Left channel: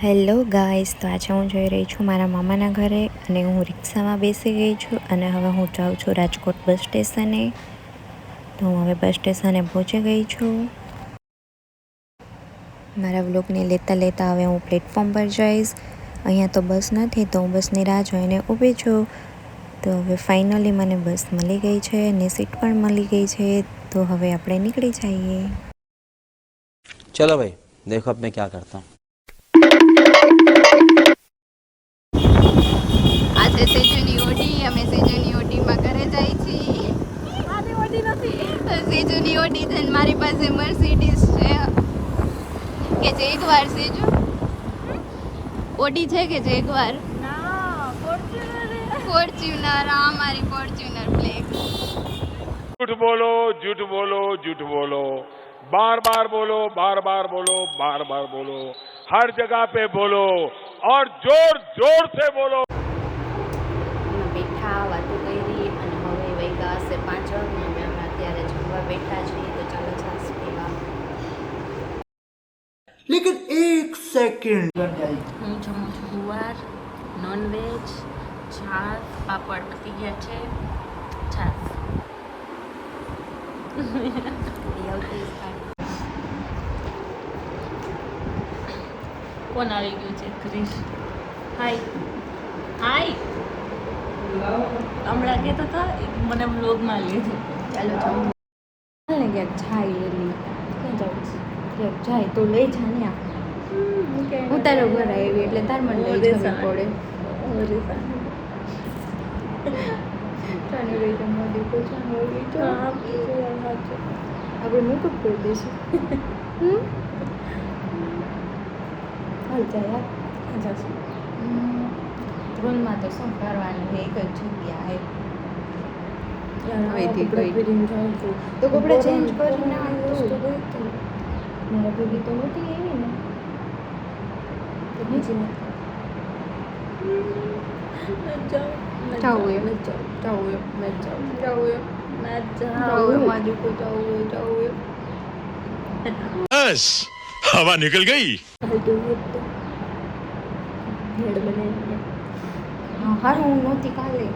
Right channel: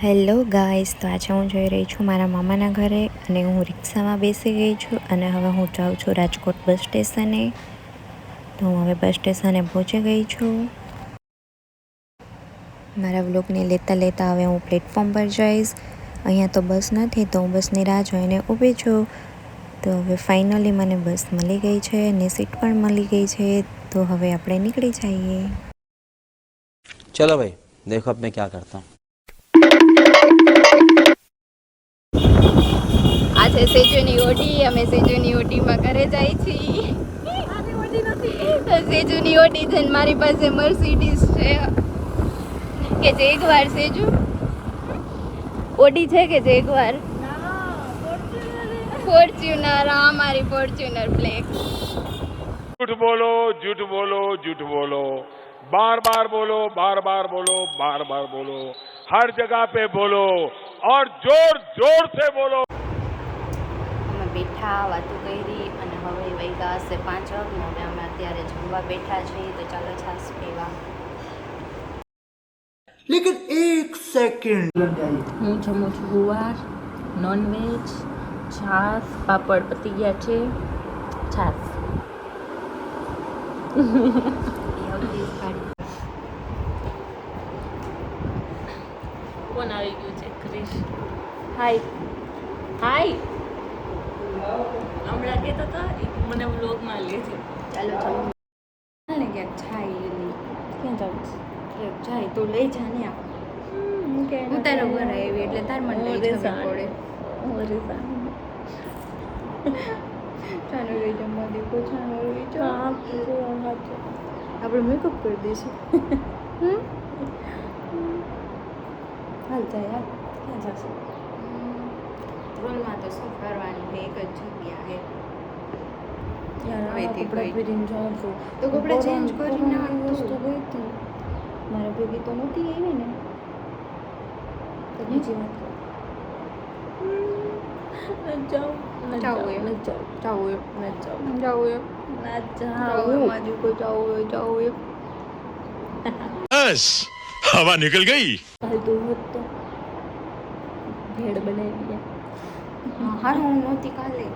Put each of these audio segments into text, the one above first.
Hello guys, તો આજે હું જઈ રહી છું મારા મામાના ઘરે અને હું રિક્ષામાં બેસી ગઈ છું અને હવે હું જાઉં છું રાજકોટ બસ સ્ટેશને. તો હું હવે બસ સ્ટેશને પહોંચી ગઈ છું. મારા વ્લોગને લેતા લેતા હવે હું પ્લેટફોર્મ પર જઈશ. અહીંયા તો બસ નથી, તો હું બસની રાહ જોઈને ઊભી છું. તો હવે ફાઇનલી મને બસ મળી ગઈ છે અને સીટ પણ મળી ગઈ છે, તો હવે આપણે નીકળી જઈએ. ચલો ભાઈ, દેખો આપણે ક્યાં કરતા હું. છે સેજુની ઓડી અમે સેજુની ઓડીમાં ઘરે જાય છીએ સેજુની ઓડી છે ને મારી પાસે મર્સિડીઝ છે કે જેગવાર સેજુ ઓડી છે કે જેગવાર ફોર્ચ્યુનર આ મારી ફોર્ચ્યુનર બ્લેક झूठ बोलो झूठ बोलो झूठ बोलो बार बार बोलो बार बार बोलो बार बार बोलो हर जगह पे बोलो और जोर जोर से बोलो વાગ્યા હશે પાંચ અને અમે હમણાં અત્યારે જમવા બેઠા છીએ તો ચાલો છાસ પીવા. લેકિન એક સેકન્ડ. હું જમું છું ગુવાર નોનવેજ છાસ પાપડ પતી ગયા છે છાસ કોણ આવી ગયું છે ક્રિશ. હાય હાય હમણાં કહેતા હતા મને વ્લોગમાં લે છે. ચાલો ચાલો ને ક્યાંક જાય એલી ક્યાં જાઉં ક્યાંક જાય તો લઈ જા ને આ. હું તારે ઘર આવી એટલે તાર મને લઈ જવી પડે. ચાલો લઈ જમવા દે ચાલો લઈ જાઓ આપણે મેકઅપ કરી દઈશું. હમ? હાલ જાય યાર. ક્યાં જશું? ધ્રોલમાં તો શું કરવાનું છે એક જ જગ્યા છે. તો કપડાં ચેન્જ કરી નાખ તું. મારા ભેગી તો નહોતી એવી ને. તો બીજી નથી જાવું એમ. જાવું એમ. જાવું હારું હું નહોતી કાલે.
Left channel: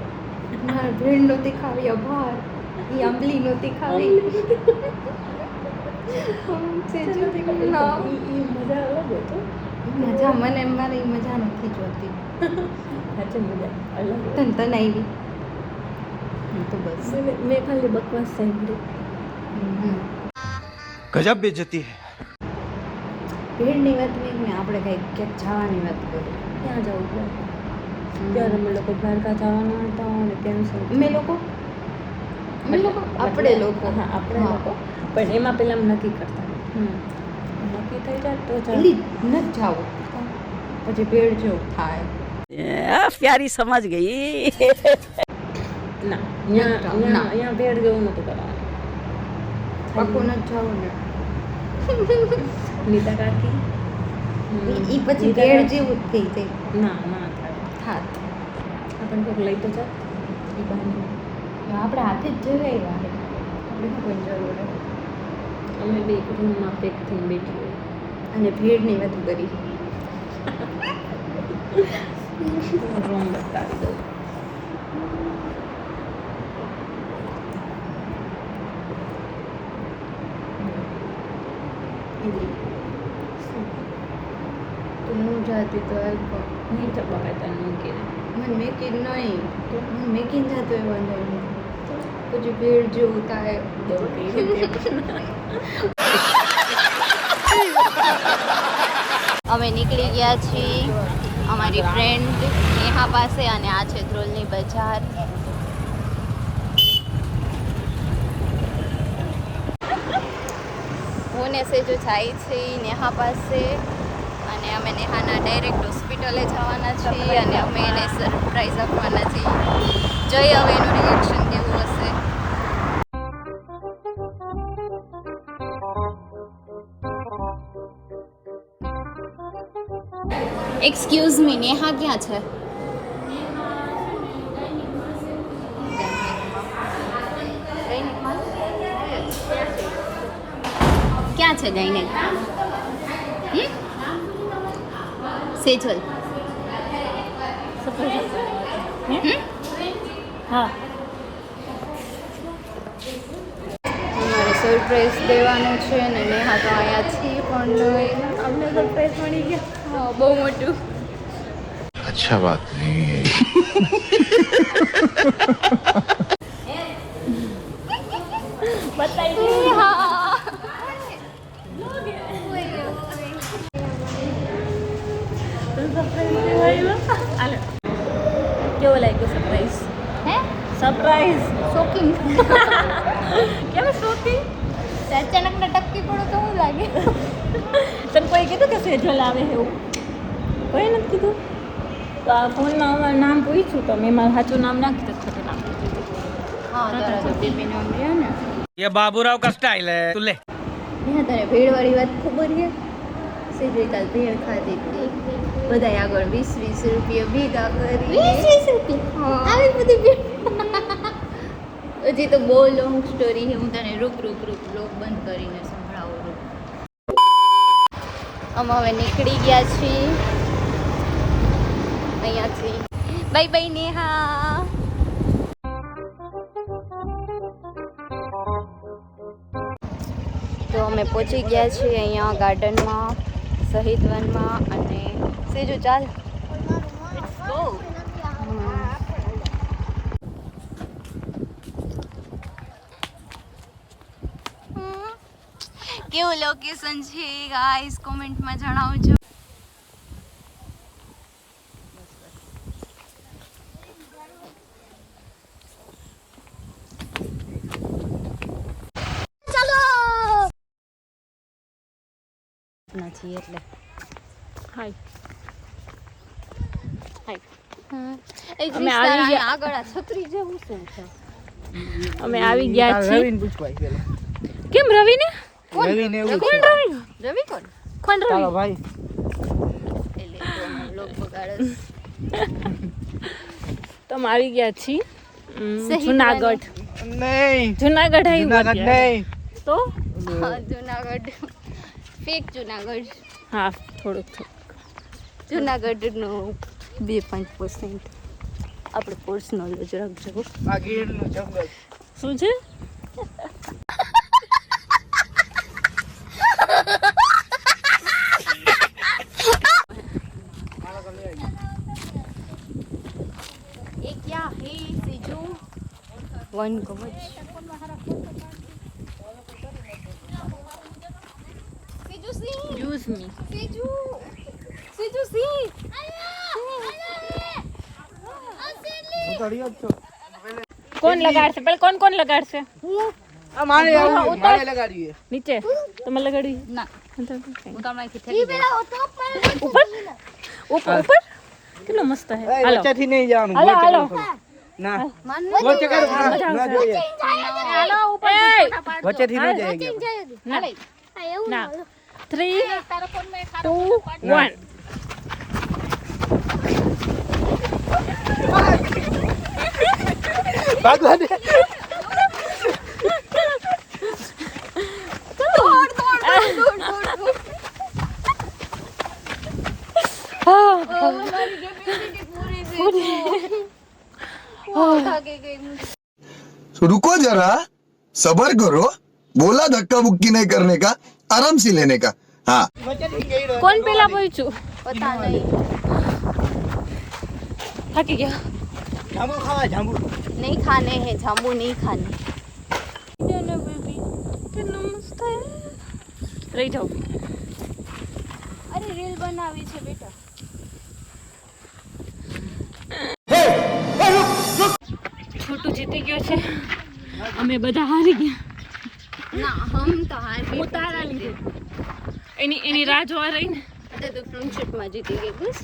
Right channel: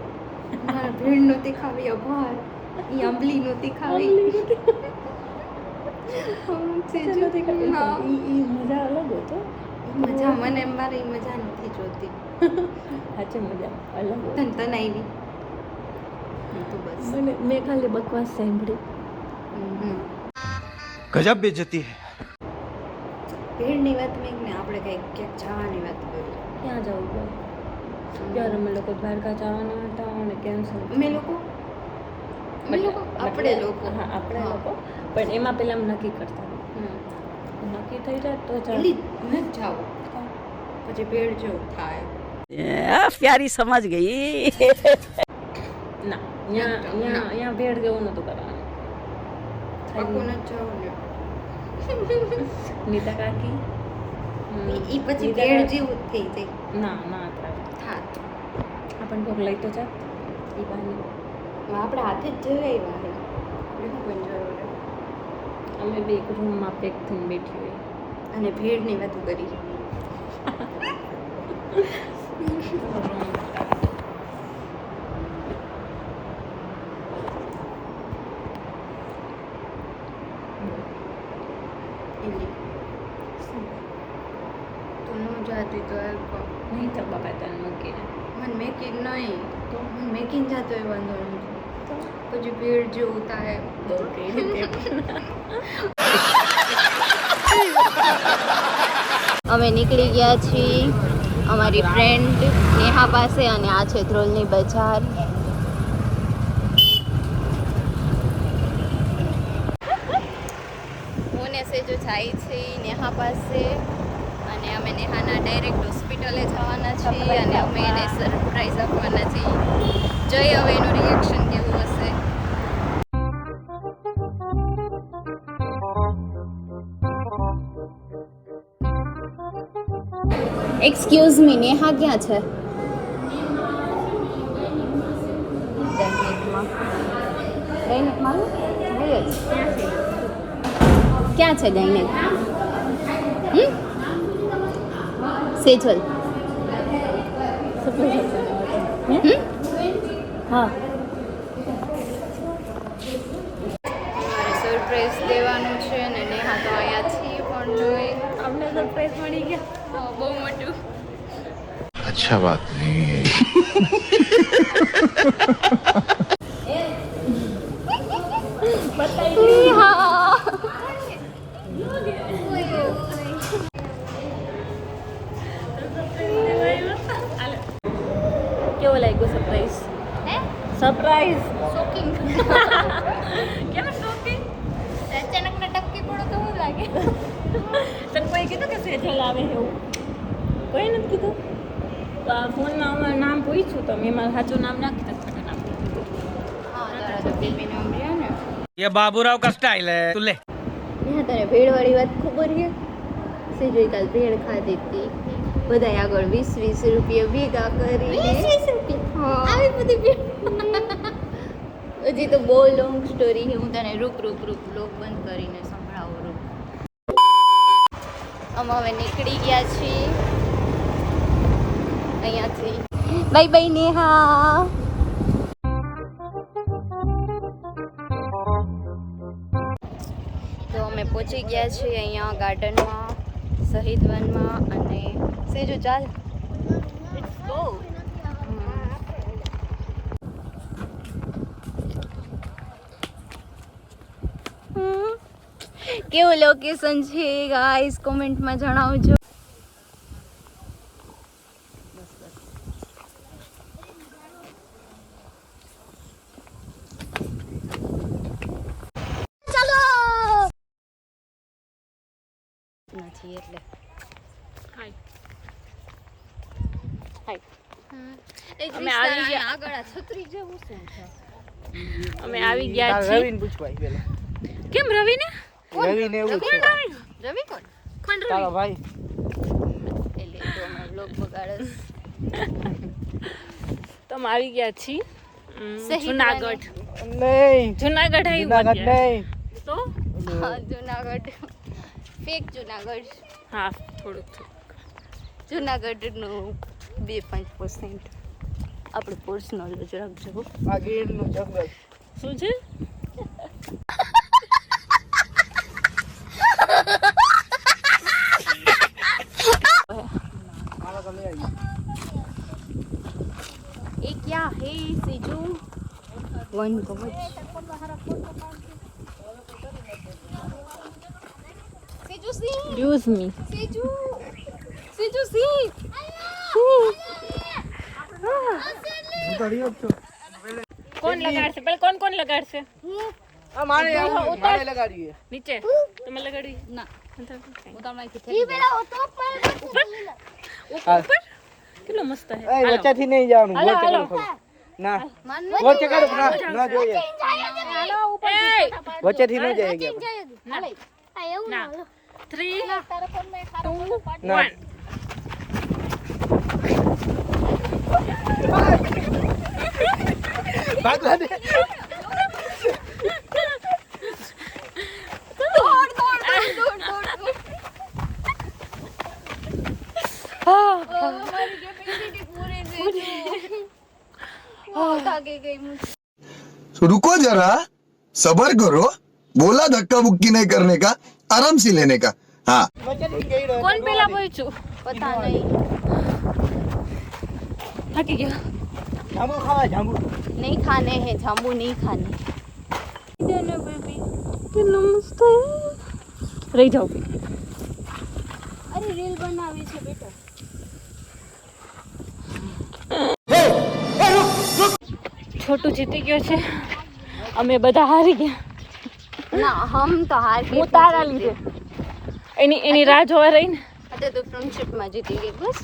મારે ભેળ નહોતી ખાવી અભાર. એ આંબલી નહોતી ખાવી મજા અલગ હતો. મને મારે એ મજા નથી જોતી. સાચી મજા અલગ તન તને આવી. તો બસ. મેં ખાલી બકવાસ સાંભળી ગજબ બેજતી હે. ભેળની વાત નહીં ને આપણે કંઈક ક્યાંક જવાની વાત કરી ક્યાં જવું? પડે ત્યારે અમે લોકો દ્વારકા જવાના હતા અને કેન્સલ અમે લોકો? અમે લોકો આપણે લોકો. હા આપણે લોકો. પણ એમાં પહેલાં નક્કી કરતા. નક્કી થઈ જાય તો જલ્દી ન જાવ પછી ભેળ જેવું થાય. પ્યારી સમજ ગઈ. ના અહીંયા અહીંયા ભેળ જેવું નતું કરવાનું. પાકું ન જાવ ને. નીતા કાકી. એ પછી ભેળ જેવું થઈ જાય. ના ના થાત. આપણને કોઈક લઈ તો જાત. એ બહાને. આપણે હાથે જ જઈ આવ્યા હે. આપણે શું કોઈ જરૂર હે અમે બી રૂમમાં પેક થઈને બેઠી હોય. અને ભેળની વધુ કરી. રૂમ બતાવી. દઉં એલી તું ન જાતી તો નહીં તો બાબા તને મૂકીને મને મેકીન નહીં. તો? હું મેકીન જાતો એ વાંધો નહીં. પછી ભીડ જેવું થાય. અમે નીકળી ગયા છીએ અમારી ફ્રેન્ડ નેહા પાસે અને આ છે ધ્રોલની બજાર. હું ને સેજો જાય છે નેહા પાસે. અને અમે નેહાના ડાયરેક્ટ હોસ્પિટલે જવાના છીએ અને અમે એને સરપ્રાઈઝ આપવાના છીએ. જોઈએ હવે એનું રિએક્શન કેવું હશે? એક્સક્યુઝ મી નેહા ક્યાં છે? ક્યાં છે ગઈને સેજલ. હા. અમારે સરપ્રાઈઝ દેવાનું છે ને નેહા તો અહીંયા છીએ પણ અમને સરપ્રાઈઝ મળી ગયા. હા બહુ મોટું. અચ્છા વાત નહીં. But કેવો લાગ્યો સરપ્રાઈઝ હે સરપ્રાઈઝ શોકિંગ કેમ શોકિંગ અચાનક ને ટપકી પડો તો શું લાગે? તને કોઈ કીધું કે સેજલ આવે એવું? કોઈ નથી કીધું? તો આ ફોનમાં અમારું નામ પૂછ્યું તો મેં મારું સાચું નામ નાખી તો ખોટું નામ કીધું હા બાબુરાવ કસ્ટાઈલ તું લે. તને ભીડ વાળી વાત ખબર નહીં સીધી કાલ ભેળ ખાધી હતી બધાય આગળ વીસ વીસ રૂપિયા ભેગા કરીને બધી હજી તો બહુ લોંગ સ્ટોરી છે. હું તને રૂક રૂક રૂક લોક બંધ કરીને સંભળાવું રૂક અમે હવે નીકળી ગયા છીએ અહીંયાથી. બાય બાય નેહા તો અમે પહોંચી ગયા છીએ અહીંયા ગાર્ડનમાં શહીદ વનમાં અને સેજુ ચાલ. કેવું લોકેશન છે ગાઈસ કોમેન્ટમાં જણાવજો. નથી એટલે હાય અમે આવી ગયા. છત્રી જેવું છે અમે આવી ગયા છીએ કેમ રવિને કોણ રવિ રવિ કોણ કોણ રવિ એટલે તો અમે લોક બગાડે તો અમે આવી ગયા છીએ જુનાગઢ સહી જુનાગઢ જુનાગઢ આવ્યું અત્યારે. તો જુનાગઢ ફેક જુનાગઢ. હા થોડુંક થોડુંક. જુનાગઢનું બે પાંચ પર્સન્ટ આપણે કોર્સ નોલેજ રાખજો શું છે? વન કવચ Excuse me. Siju. Siju, see. કોણ લગાડશે પેલા કોણ કોણ લગાડશે અમારે મારે લગાડી છે નીચે તમે લગાડી ના ઉપર ઉપર ઉપર કેટલો મસ્ત હે હાલો નીચેથી નહીં જવાનું હાલો હાલો ના વચ્ચે કર વચ્ચેથી ન જાય ના એવું ના થ્રી ટુ વન भागवा दे रुको जरा सबर करो बोला धक्का मुक्की नहीं करने का आराम से लेने का हाँ કોણ પેલા બોલશું પતા નહીં થાકી ગયા जामू खावा जामू નહીં ખાને હે જાંબુ નહીં ખાને કેટલું મસ્ત છે રહી જાઓ અરે રીલ બનાવી છે બેટા છોટું જીતી ગયો છે અમે બધા હારી ગયા ના હમ તો હાર હું તારા લીધે એની એની રાહ જોવા રહી ને अरे तो फ्रेंडशिप में जीती गई बस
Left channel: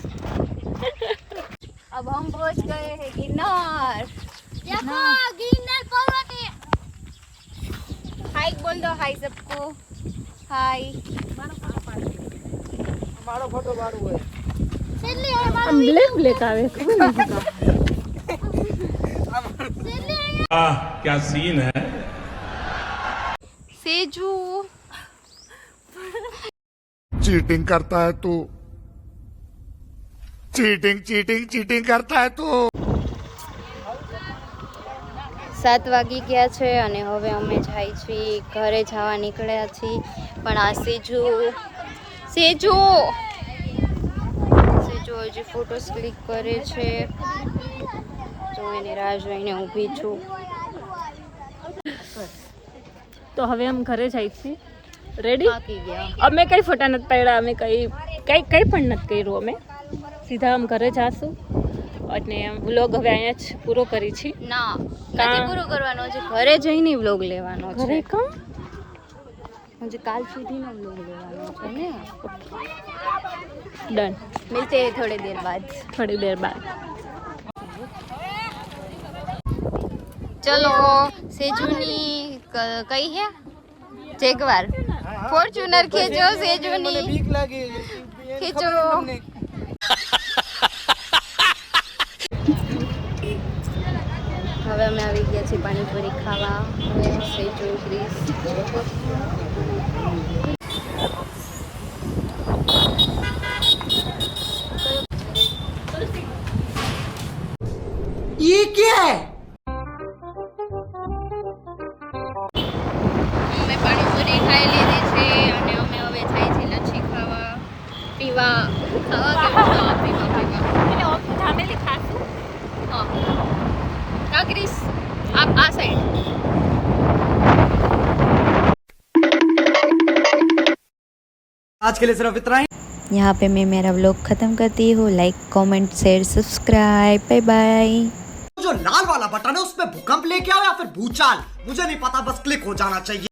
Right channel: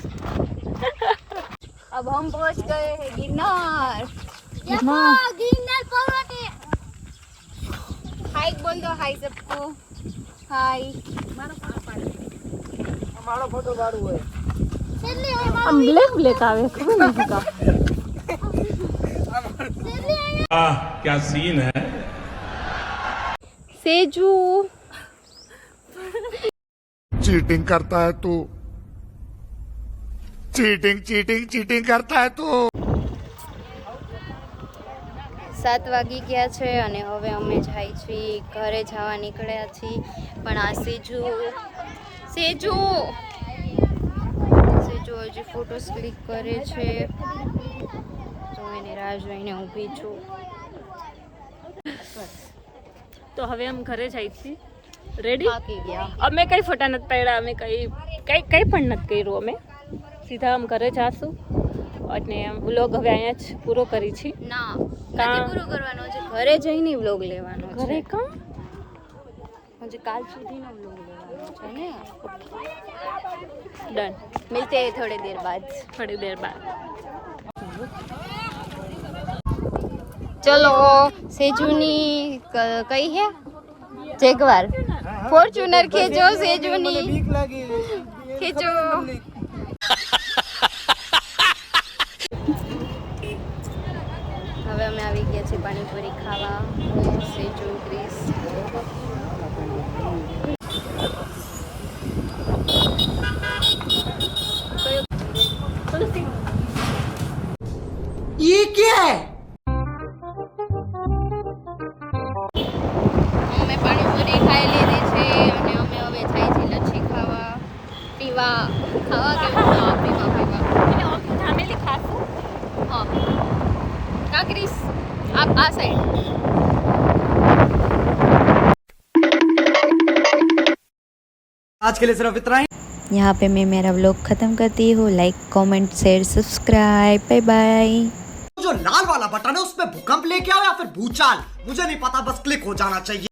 अब हम पहुंच गए हैं गिरनार गिरनार पर्वत हाय बोल दो हाय सबको हाय આમ બ્લેક બ્લેક આવે ખબર નથી કા क्या सीन है सेजू चीटिंग करता है तू चीटिंग चीटिंग चीटिंग करता है तू સાત વાગી ગયા છે અને હવે અમે જાય છીએ ઘરે જવા નીકળ્યા છીએ પણ આ સેજુ સેજુ સેજુ હજી ફોટોસ ક્લિક કરે છે તો હું એની રાહ જોઈને ઊભી છું તો હવે અમે ઘરે જાય છીએ. રેડી અમે કઈ ફોટા નથી પાડ્યા અમે કઈ કઈ કઈ પણ નથી કર્યું અમે. સીધા આમ ઘરે જાશું અને વ્લોગ હવે અહીંયા જ પૂરો કરી છીએ ના કા- નથી પૂરો કરવાનો છે ઘરે જઈને વ્લોગ લેવાનો છે. ઘરે કા? હજી કાલ સુધીનો વ્લોગ લેવાનો છે ને. ડન મિલતે થોડી દેર બાદ. થોડી દેર બાદ. ચલો, સેજુની કઈ હે? જેગવાર. ફોર્ચ્યુનર ખેંચો, સેજુની. ખેંચો. હવે અમે આવી ગયા છીએ પાણીપુરી ખાવા. સેજુ, ક્રિસ. કાકરીસ આપ આ સાઈડ आज के लिए सिर्फ इतना ही यहाँ पे मैं मेरा व्लॉग ख़त्म करती हूँ like comment share subscribe bye bye जो लाल वाला बटन है उसमें भूकंप लेके आओ या फिर भूचाल मुझे नहीं पता बस क्लिक हो जाना चाहिए